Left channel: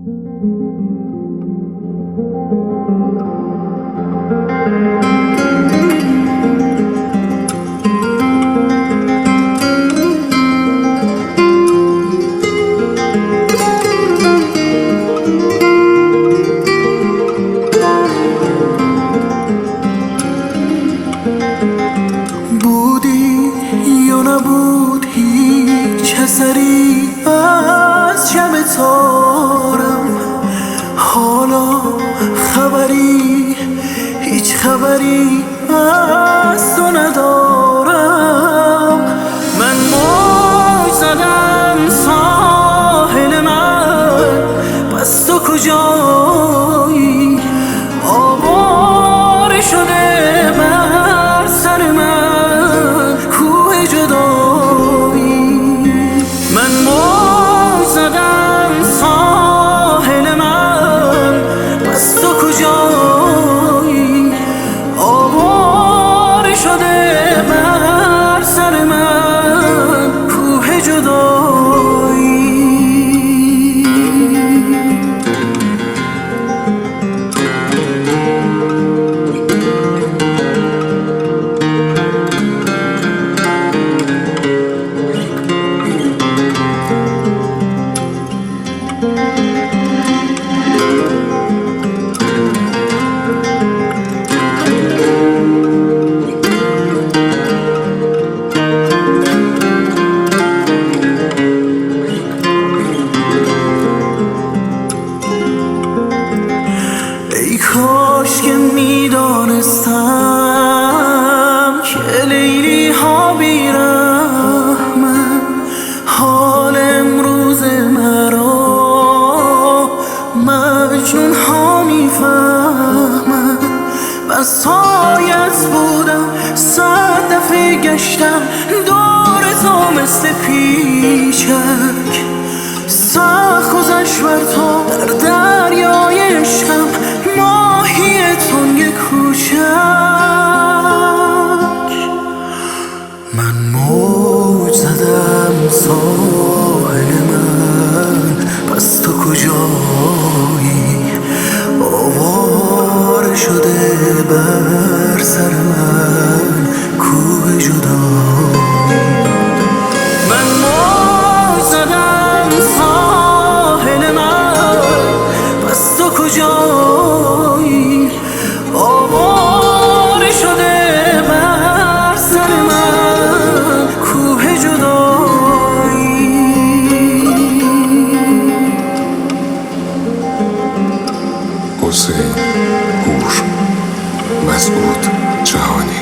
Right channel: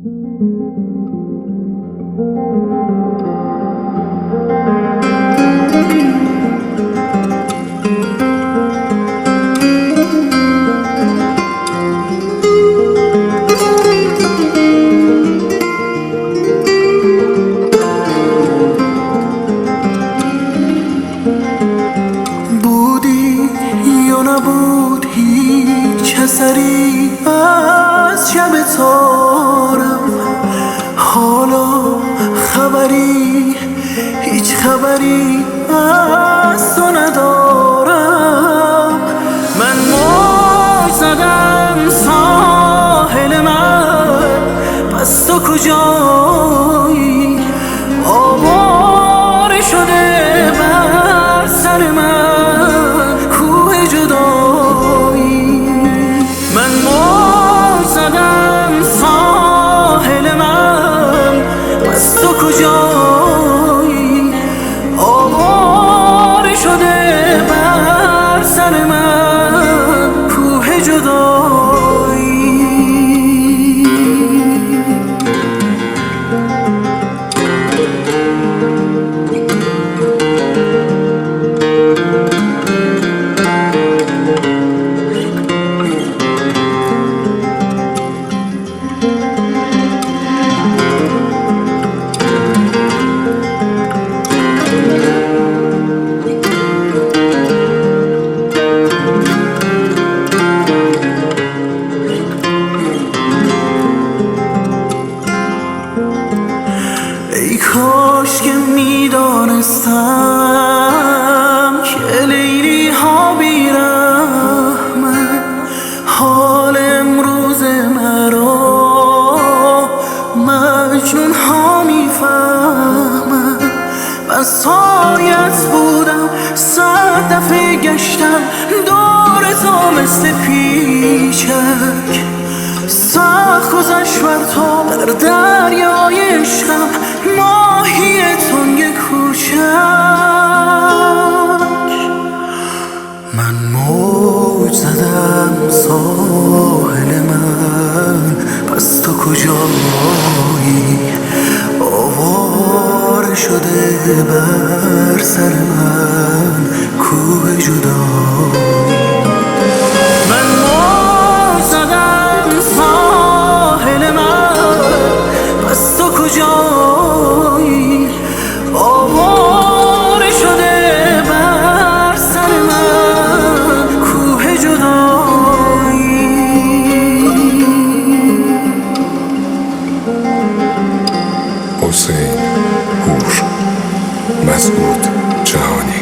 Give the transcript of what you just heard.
بودی یا نبود هیچ اثری از شب تارم، حالا خبری، هیچ خبری از تو ندارم. من موج زدم ساحل من، پس تو کجایی؟ آواره شده بر سر من کوه جدایی. من موج زدم ساحل من، پس تو کجایی؟ آواره شده بر سر من کوه جدایی. ای کاش که میدانستم که لیلی ها بی‌رحمن، حال امروز مرا مجنون ها میفهمن. بس سایت بودم، 100 دفعه گشتم دور تو مثل پیچک. سخت گذشت بر تو در دریای عشقم، ماهی تنگ کوچک. من موج زدم ساحل من، پس تو کجایی؟ آواره شده بر سر من کوه جدایی. من موج زدم ساحل من، پس تو کجایی؟ آواره شده بر سر من کوه جدایی. حسین هوش، مسعود جهانی.